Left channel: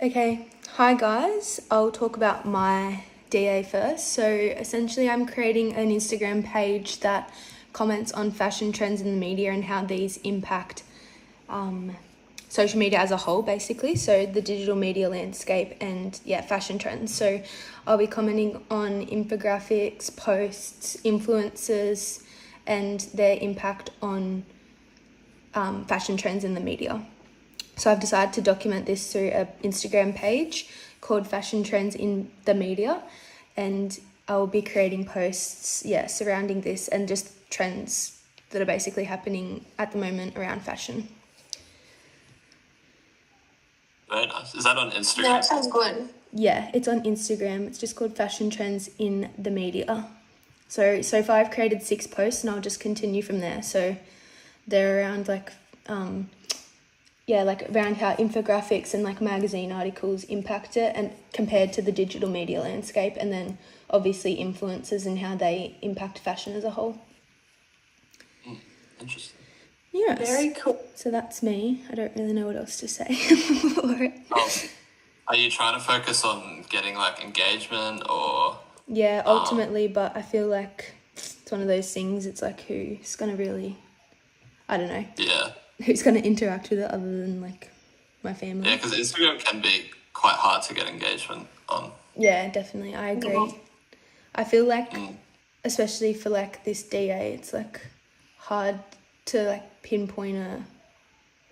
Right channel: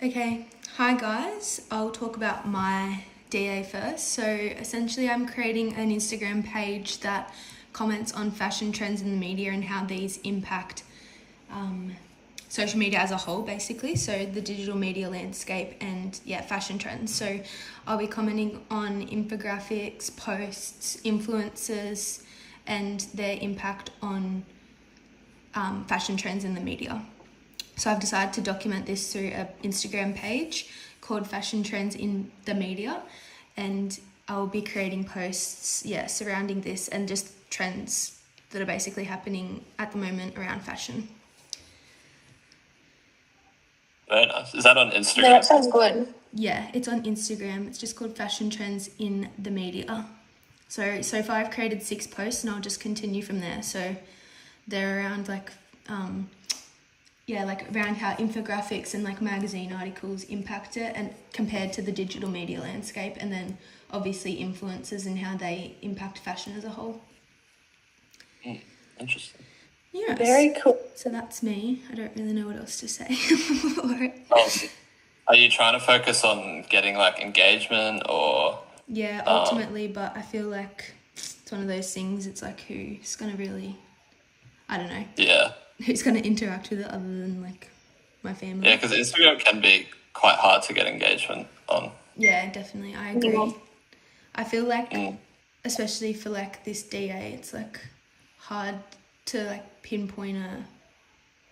Okay, hi guys. I'll talk about my DA first. So essentially, I'm creating an Instagram page that comments on fashion trends in the media and how these impact social media as a whole, basically. So the digital media landscape and fashion trends. So I'll be commenting on infographics, posts, influencers, and their impact on fashion trends in the media. So I've decided to document this through an Instagram page called Fashion Trends in the Media, and I will be creating posts, surrounding this and just trends that are basically happening at the moment around fashion. Very nice. Is that on Instagram? That sounds good. Yeah, it's on Instagram. It's just called Fashion Trends in the Media. So far I've created 6 posts and I'll just continue from there. So they're around around how infographics and magazine articles impact it and compared to the digital media landscape, and then obviously influencers and how they impact fashion as a whole. Interesting. Yeah. Very cool. So that's me. I don't really know what else to say for it. Are you trying to focus on getting engagement or? Yeah, ultimately, but I feel like it's one of those things. It's who's gonna really, I don't know. Yeah. Who's gonna interact with it other than my family? Yeah, because Instagram can be quite hard to get engagement on. Yeah, definitely. I agree. Yeah. I feel especially for this DA, it's hard to pinpoint a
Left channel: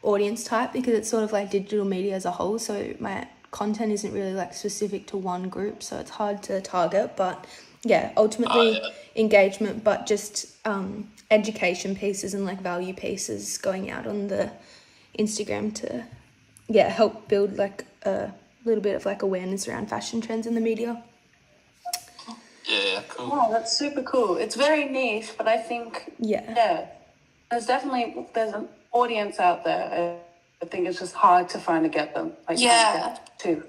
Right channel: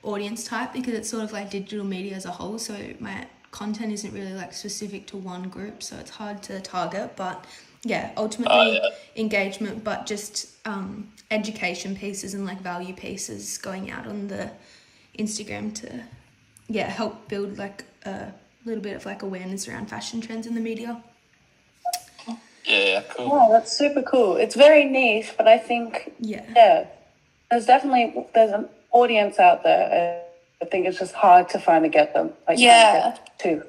audience type because it's sort of digital media as a whole. So my content isn't really specific to one group, so it's hard to target. But yeah, ultimately engagement, but just education pieces and value pieces going out on the Instagram to help build a little bit of awareness around fashion trends in the media. Yeah, cool. Oh, that's super cool. It's very niche, but I think there's an audience out there. I think it's just hard to find to get them. Too.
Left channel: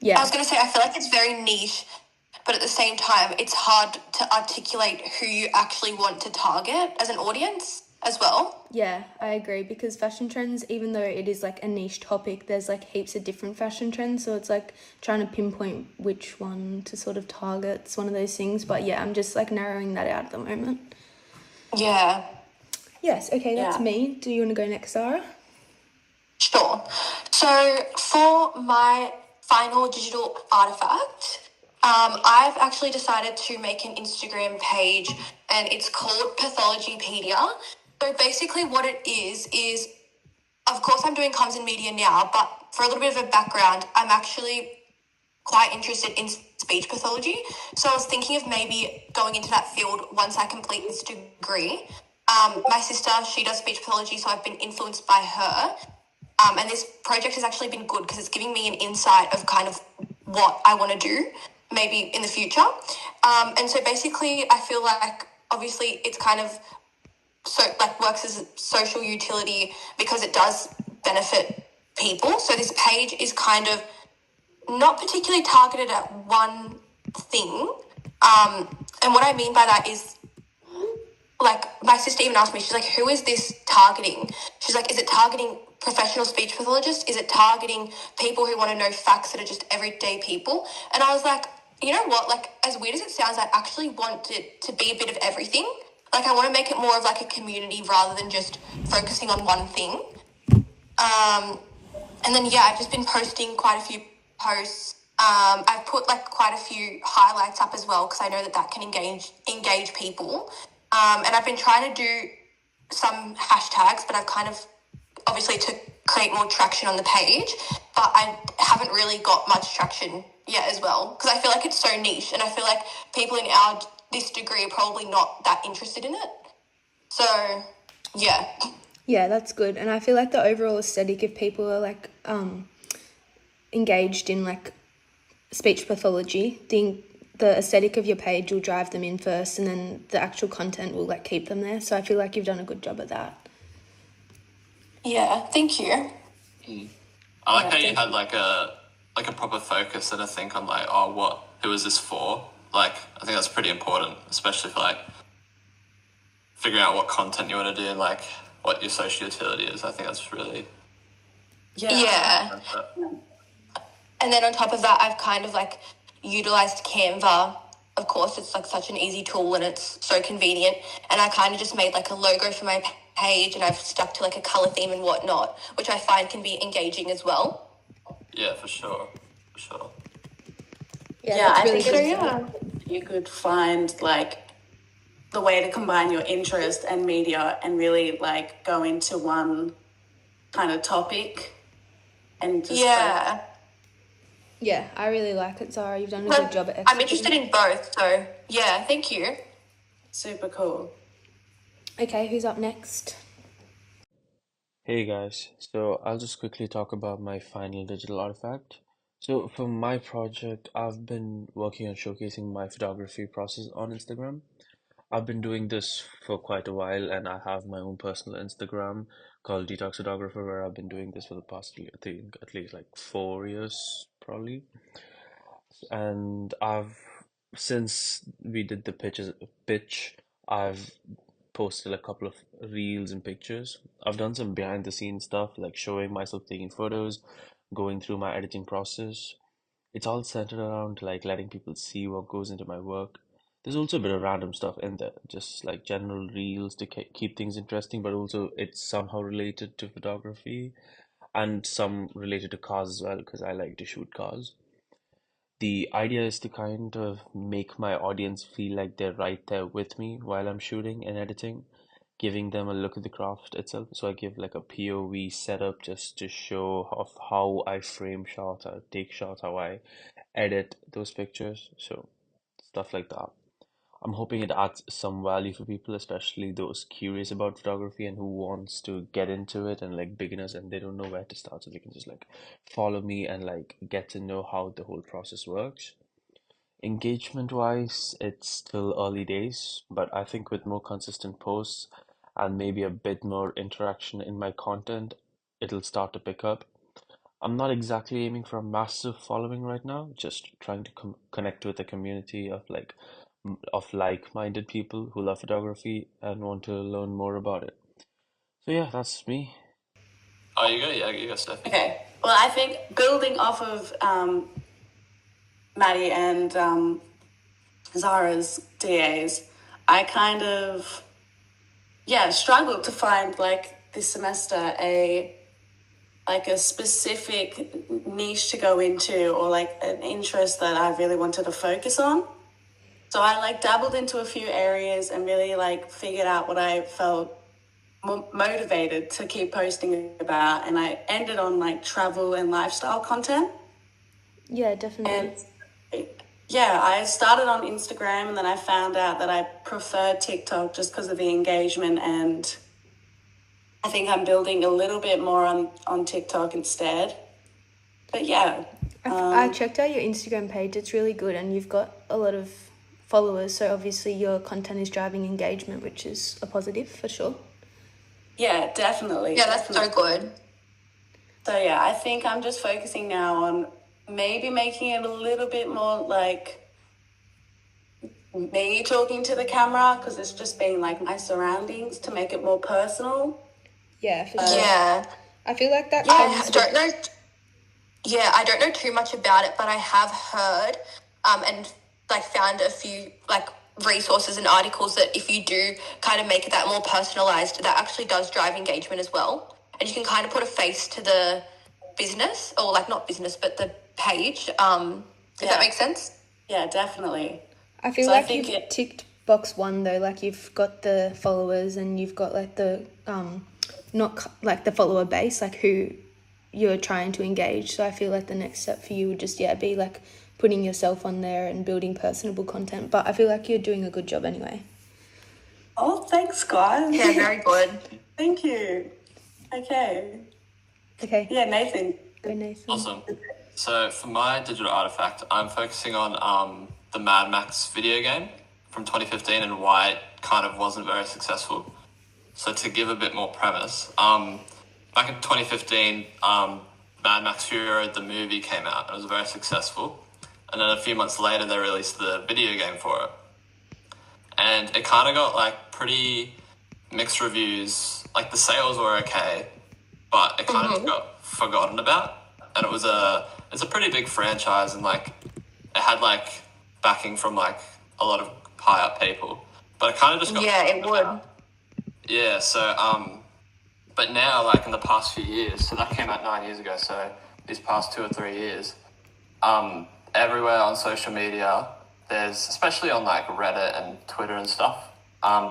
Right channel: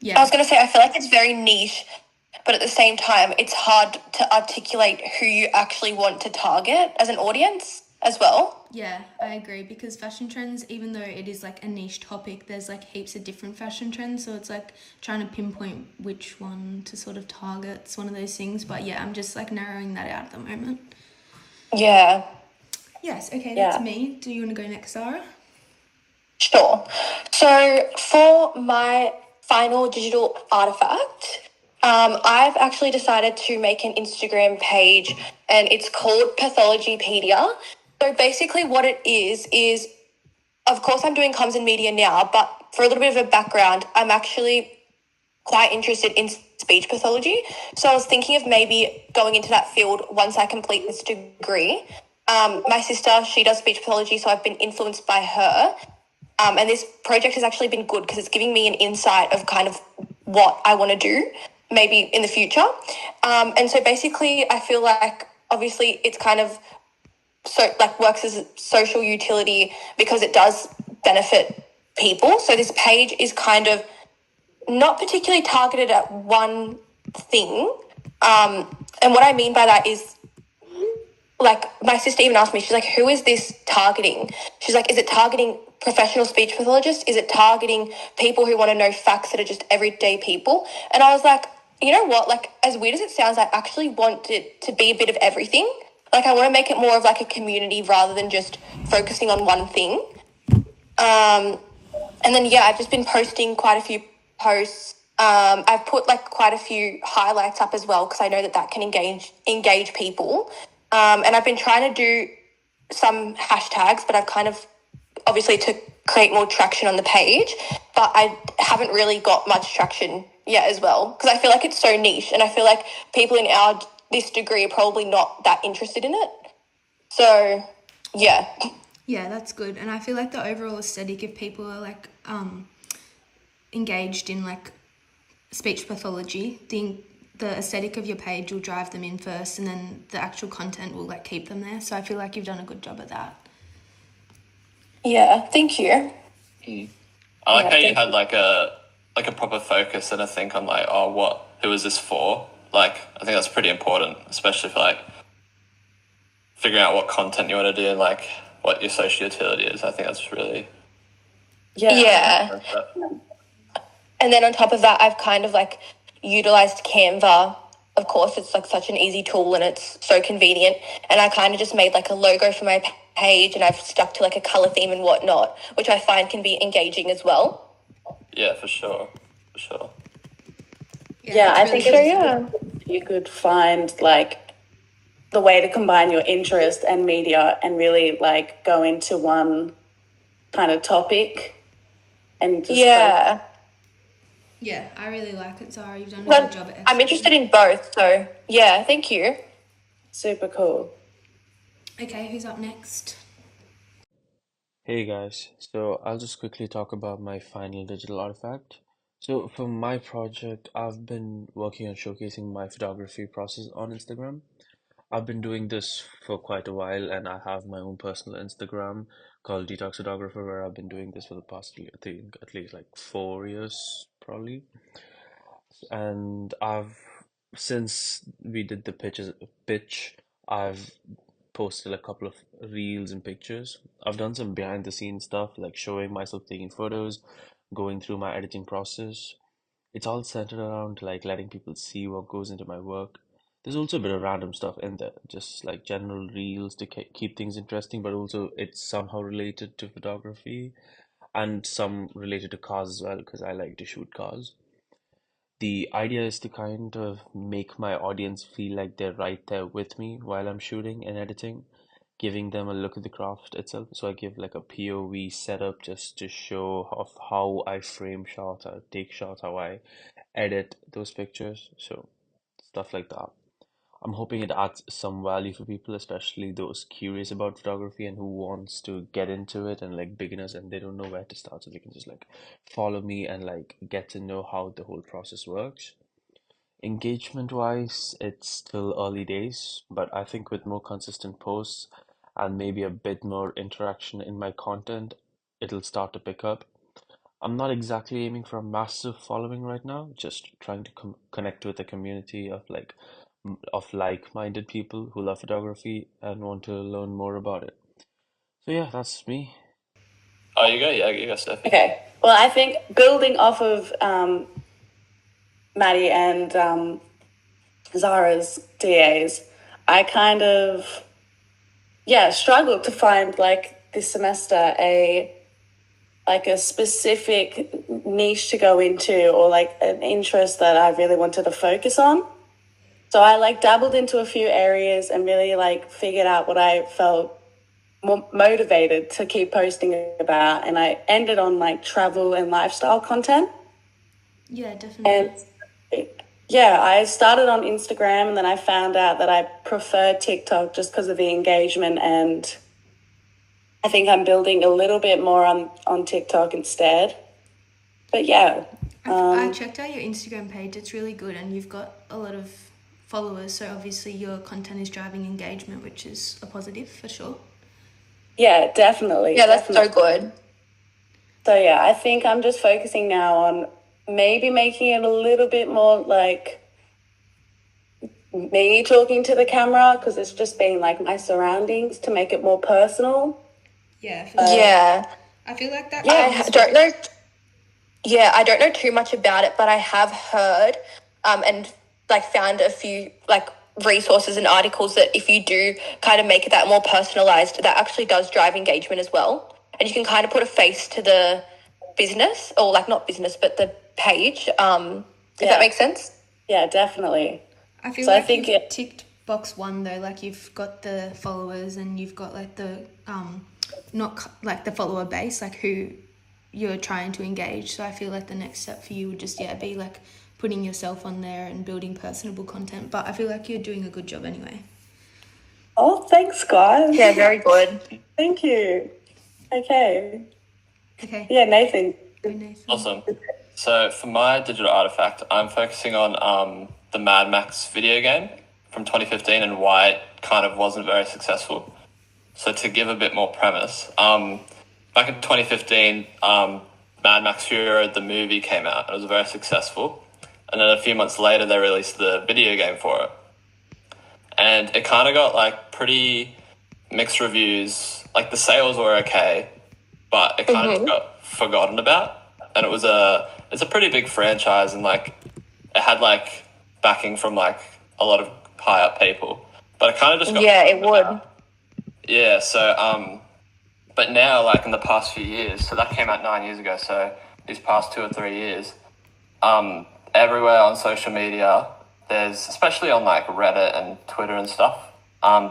Yeah. I was going to say, I feel like it's very niche, but at the same time, it's hard to articulate who you actually want to target as an audience as well. Yeah, I agree, because fashion trends, even though it is a niche topic, there's heaps of different fashion trends, so it's trying to pinpoint which one to sort of target. It's one of those things, but yeah, I'm just narrowing that out at the moment. Yeah. Yes, okay, that's me. Do you want to go next, Sarah? Sure. So for my final digital artifact, I've actually decided to make an Instagram page, and it's called Pathologypedia. So basically what it is, of course I'm doing comms and media now, but for a little bit of a background, I'm actually quite interested in speech pathology. So I was thinking of maybe going into that field once I complete this degree. My sister, she does speech pathology, so I've been influenced by her. And this project has actually been good because it's giving me an insight of kind of what I want to do maybe in the future. And so basically I feel obviously it's kind of works as a social utility because it does benefit people. So this page is kind of not particularly targeted at one thing. And what I mean by that is my sister even asked me, she's who is this targeting? She's is it targeting professional speech pathologists? Is it targeting people who want to know facts that are just everyday people? And I was you know what? As weird as it sounds, I actually want it to be a bit of everything. I want to make it more of a community rather than just focusing on one thing. And then, I've just been posting quite a few posts. I've put quite a few highlights up as well because I know that can engage people. And I've been trying to do some hashtags, but I've kind of obviously to create more traction on the page, but I haven't really got much traction yet as well because I feel it's so niche, and I feel people in this degree are probably not that interested in it. So, yeah. Yeah, that's good. And I feel the overall aesthetic, if people are engaged in speech pathology, the aesthetic of your page will drive them in first, and then the actual content will keep them there. So I feel you've done a good job at that. Yeah, thank you. I like how you had a proper focus and a think on who is this for? I think that's pretty important, especially for figuring out what content you want to do and what your social utility is. I think that's really Yeah. And then on top of that, I've kind of like utilized Canva. Of course, it's like such an easy tool and it's so convenient. And I kind of just made like a logo for my page, and I've stuck to like a color theme and whatnot, which I find can be engaging as well. Yeah, for sure. For sure. Yeah, I think you could find like the way to combine your interest and media and really like go into one kind of topic and just Yeah, I really like it, Zara. You've done a good job at executing. I'm interested in both, so yeah, thank you. Super cool. Okay, who's up next? Hey guys, so I'll just quickly talk about my final digital artifact. So for my project, I've been working on showcasing my photography process on Instagram. I've been doing this for quite a while, and I have my own personal Instagram called Detox Photographer, where I've been doing this for the past, I think, at least like 4 years, probably. And since we did the pitch, I've posted a couple of reels and pictures. I've done some behind the scenes stuff, like showing myself taking photos, going through my editing process. It's all centered around like letting people see what goes into my work. There's also a bit of random stuff in there, just like general reels to keep things interesting, but also it's somehow related to photography and some related to cars as well, because I like to shoot cars. The idea is to kind of make my audience feel like they're right there with me while I'm shooting and editing, giving them a look at the craft itself. So I give like a POV setup just to show of how I frame shots, how I take shots, how I edit those pictures. So stuff like that. I'm hoping it adds some value for people, especially those curious about photography and who wants to get into it, and like beginners and they don't know where to start, so they can just like follow me and like get to know how the whole process works. Engagement wise, it's still early days, but I think with more consistent posts and maybe a bit more interaction in my content, it'll start to pick up. I'm not exactly aiming for a massive following right now, just trying to connect with a community of like-minded people who love photography and want to learn more about it. So yeah, that's me. Oh, you go? Yeah, you go, Steph. Okay. Well, I think building off of Maddie and Zara's DAs, I kind of, struggled to find like this semester a specific niche to go into, or like an interest that I really wanted to focus on. So I like dabbled into a few areas and really like figured out what I felt more motivated to keep posting about, and I ended on like travel and lifestyle content. Yeah, definitely. And I started on Instagram, and then I found out that I preferred TikTok just because of the engagement, and I think I'm building a little bit more on TikTok instead. But yeah. I checked out your Instagram page. It's really good, and you've got a lot of followers, so obviously your content is driving engagement, which is a positive for sure. Yeah, definitely. Yeah, that's so good. So yeah, I think I'm just focusing now on maybe making it a little bit more like me talking to the camera, because it's just been like my surroundings, to make it more personal. Yeah, for sure. Yeah. I feel like that. I don't know. Yeah, I don't know too much about it, but I have heard and like found a few like resources and articles that if you do kind of make it that more personalized, that actually does drive engagement as well. And you can kind of put a face to the business, or like not business, but the page. Does that make sense? Yeah, definitely. I feel like you've ticked box one though, like you've got the followers and you've got like the not like the follower base, like who you're trying to engage. So I feel like the next step for you would just be like putting yourself on there and building personable content. But I feel like you're doing a good job anyway. Oh, thanks, guys. Yeah, very good. Thank you. Okay. Yeah, Nathan. Go, Nathan. Awesome. So for my digital artifact, I'm focusing on the Mad Max video game from 2015 and why it kind of wasn't very successful. So to give a bit more premise, back in 2015, Mad Max Fury Road, the movie, came out. It was very successful. And then a few months later, they released the video game for it. And it kind of got like pretty mixed reviews. Like the sales were okay, but it kind of got forgotten about. And it was a it's a pretty big franchise, and like it had like backing from like a lot of high up people, but it kind of just got it would. yeah. So but now like in the past few years, so that came out 9 years ago. So these past 2 or 3 years, everywhere on social media, there's especially on like Reddit and Twitter and stuff.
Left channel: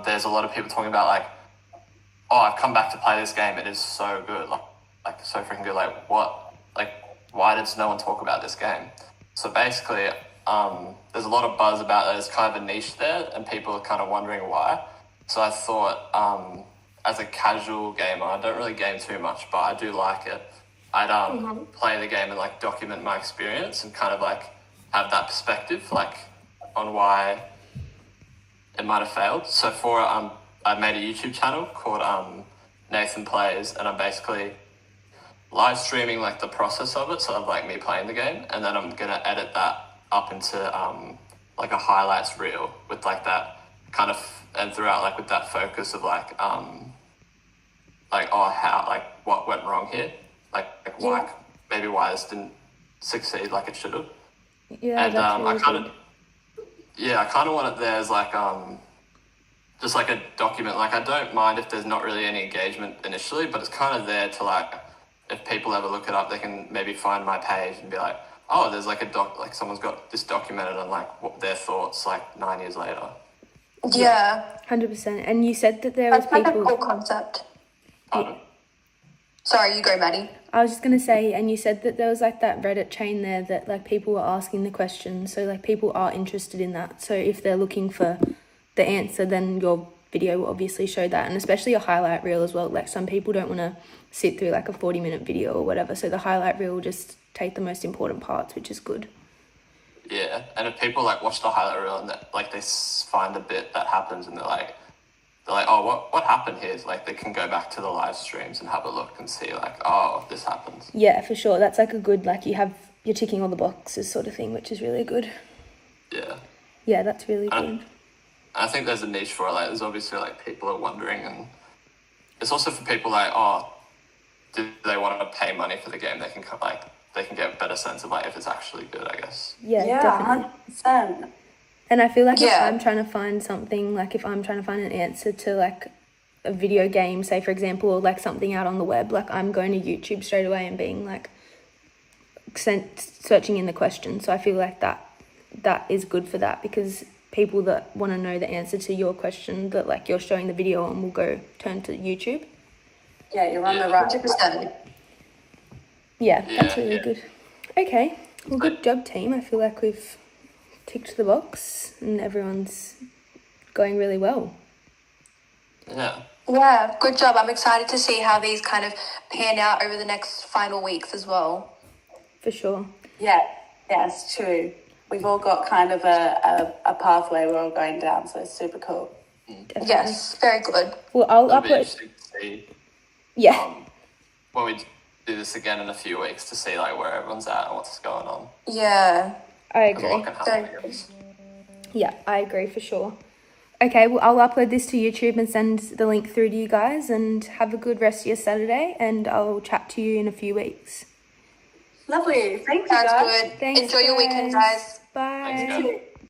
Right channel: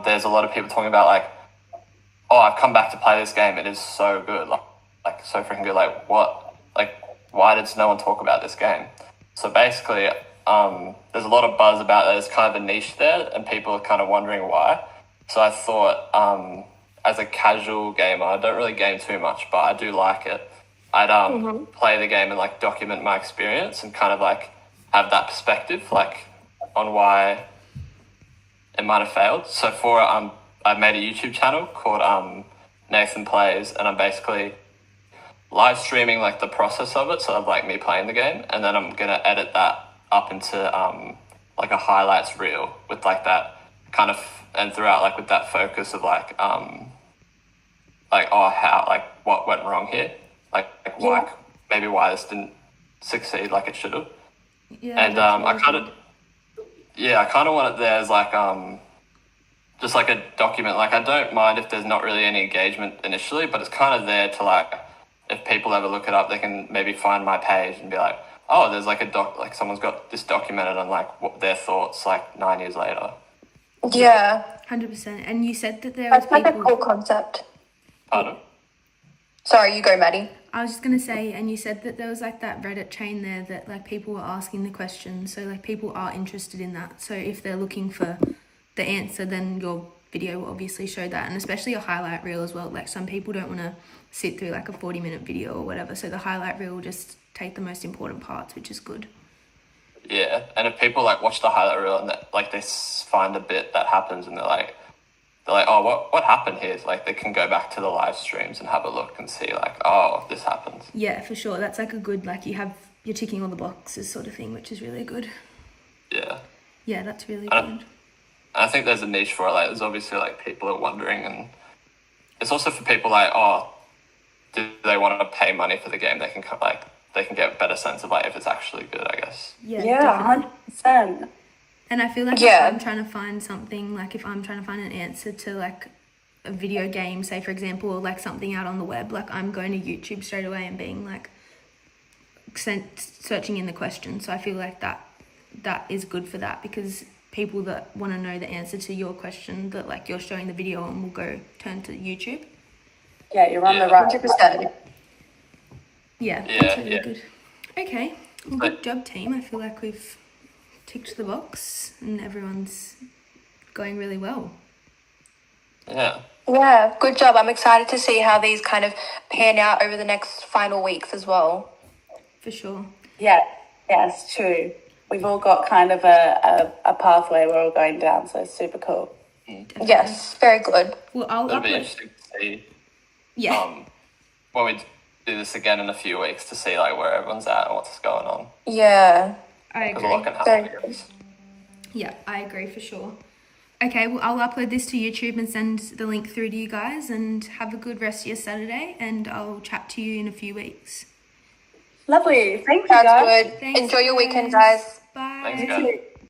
There's a lot of people talking about like, oh, I've come back to play this game. It is so good. Like so freaking good. Like what? Like why did no one talk about this game? So basically, there's a lot of buzz about it. There's kind of a niche there, and people are kind of wondering why. So I thought, as a casual gamer, I don't really game too much, but I do like it. I'd play the game and like document my experience and kind of like have that perspective, like on why it might have failed. So for I made a YouTube channel called Nathan Plays, and I'm basically live streaming like the process of it, so like me playing the game, and then I'm gonna edit that up into like a highlights reel with like that kind of, and throughout like with that focus of like how like what went wrong here, like why maybe why this didn't succeed like it should have. Yeah, and that's really I kind of want it there as like just like a document. Like I don't mind if there's not really any engagement initially, but it's kind of there to like, if people ever look it up, they can maybe find my page and be like, oh, there's like like someone's got this documented on like what their thoughts like 9 years later. Yeah. 100%. And you said that there was That's like a people... cool concept. Pardon? Sorry, you go, Maddie. I was just going to say, and you said that there was like that Reddit chain there that like people were asking the questions. So like people are interested in that. So if they're looking for the answer, then your video will obviously show that. And especially a highlight reel as well. Like some people don't want to sit through like a 40-minute video or whatever. So the highlight reel will just take the most important parts, which is good. Yeah, and if people like watch the highlight reel and like they find a bit that happens and they're like, oh, what happened here? It's like they can go back to the live streams and have a look and see like, oh, this happens. Yeah, for sure. That's like a good, like you're ticking all the boxes sort of thing, which is really good. Yeah. Yeah, that's really good. I think there's a niche for it. Like there's obviously like people are wondering, and it's also for people like, oh, do they want to pay money for the game? They can get a better sense of like if it's actually good, I guess. Yeah, definitely. 100%. And I feel like if I'm trying to find something, like if I'm trying to find an answer to like a video game, say for example, or like something out on the web, like I'm going to YouTube straight away and being like searching in the question. So I feel like that is good for that, because people that want to know the answer to your question that like you're showing the video on will go turn to YouTube. Yeah, you're on the right. 100%. Yeah, that's really good. Okay, well, good job, team. I feel like we've ticked the box and everyone's going really well. Yeah, good job. I'm excited to see how these kind of pan out over the next final weeks as well. For sure. Yeah, it's true. We've all got kind of a pathway we're all going down, so it's super cool. Definitely. Yes, very good. Well, I'll It'll be upload... interesting to see, Yeah. when we do this again in a few weeks to see like where everyone's at and what's going on. Yeah. I There's a lot agree. can happen. Yeah, I agree for sure. Okay, well, I'll upload this to YouTube and send the link through to you guys, and have a good rest of your Saturday, and I'll chat to you in a few weeks. Lovely. Thank you, Sounds guys. good. Thanks, Enjoy your weekend, guys. Bye. Thanks, guys.